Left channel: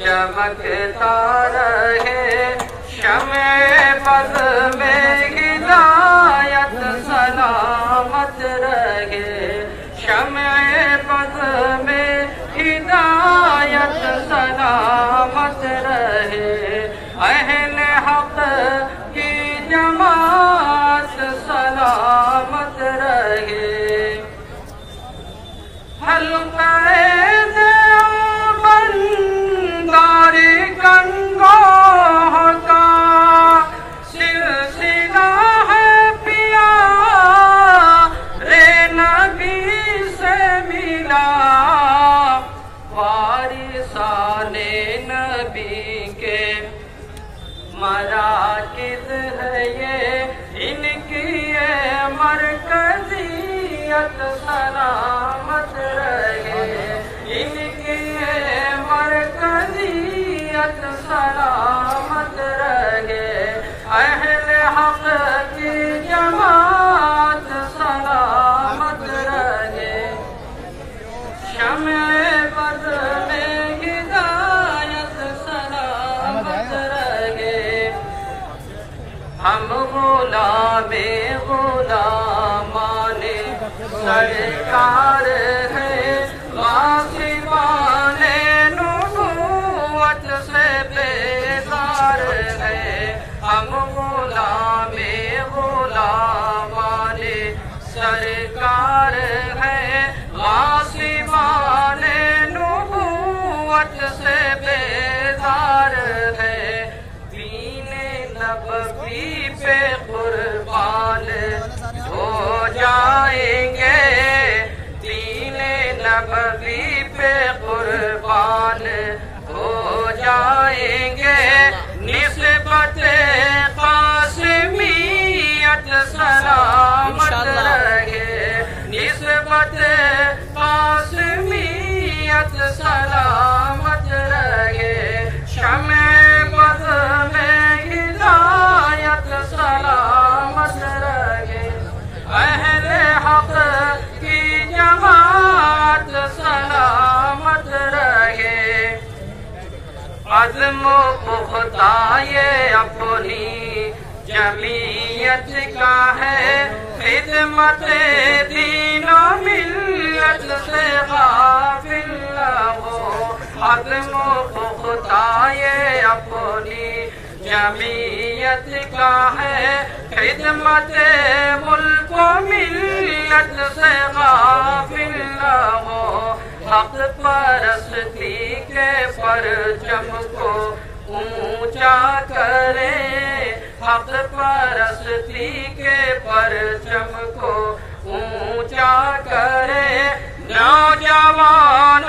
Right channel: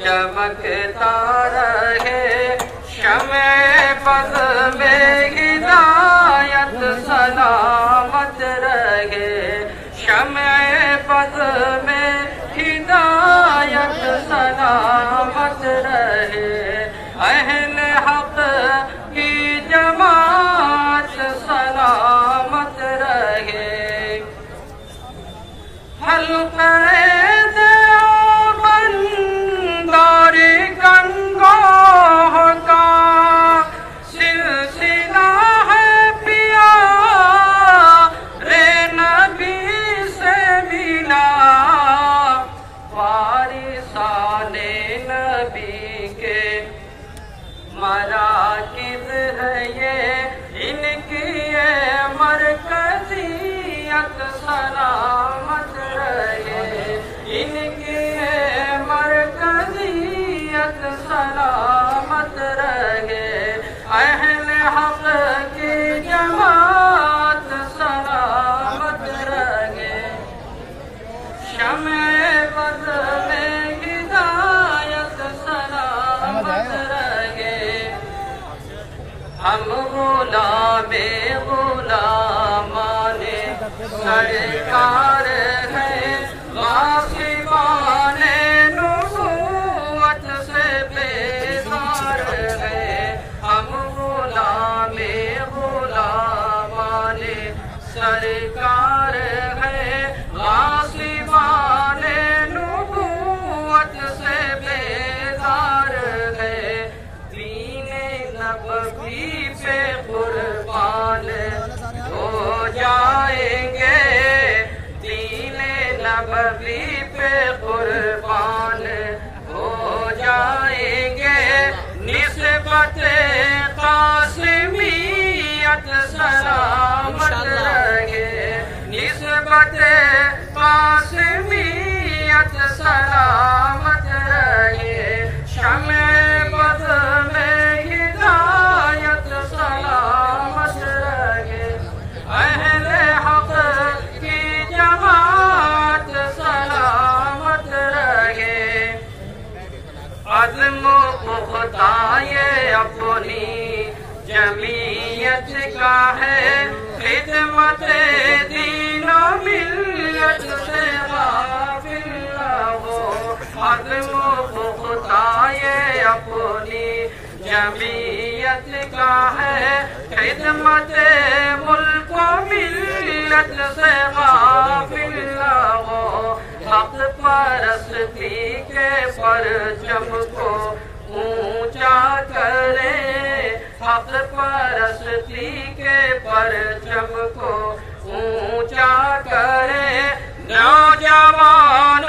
چمکتا رہے شمع پد میں ہدایت سلامت رہے شمع پد میں ہدایت سلامت رہے اہل حق کی جماعت سلامت رہے مراکز ہے یہ ان کی مرکزیت سلامت رہے ان کی مرکزیت سلامت رہے اہل حق کی جماعت سلامت رہے شمع پد میں ہدایت سلامت رہے ہم غلام غلامان سرکار ہیں معصومان نبوت سے بیزار ہیں ہم غلام غلامان سرکار ہیں معصومان نبوت سے بیزار ہیں نبوی پہ قربان ہو جائیں گے دین نبوی پہ قربان ہو جائیں گے نسبت قاسمیت سلامت رہے نسبت قاسمیت سلامت رہے شمع پد میں سلامت رہے اہل حق کی جماعت سلامت رہے عزم و پختہ یہ اپنی جمعیت کا ہے خدمت دین و ملت سے غافل نہ ہو عزم و پختہ یہ اپنی جمعیت کا ہے خدمت ملک و ملت سے غافل نہ ہو حق پرستی کے پرچم کو اونچا کرے حق پرستی کے پرچم کو اونچا کرے نوجوان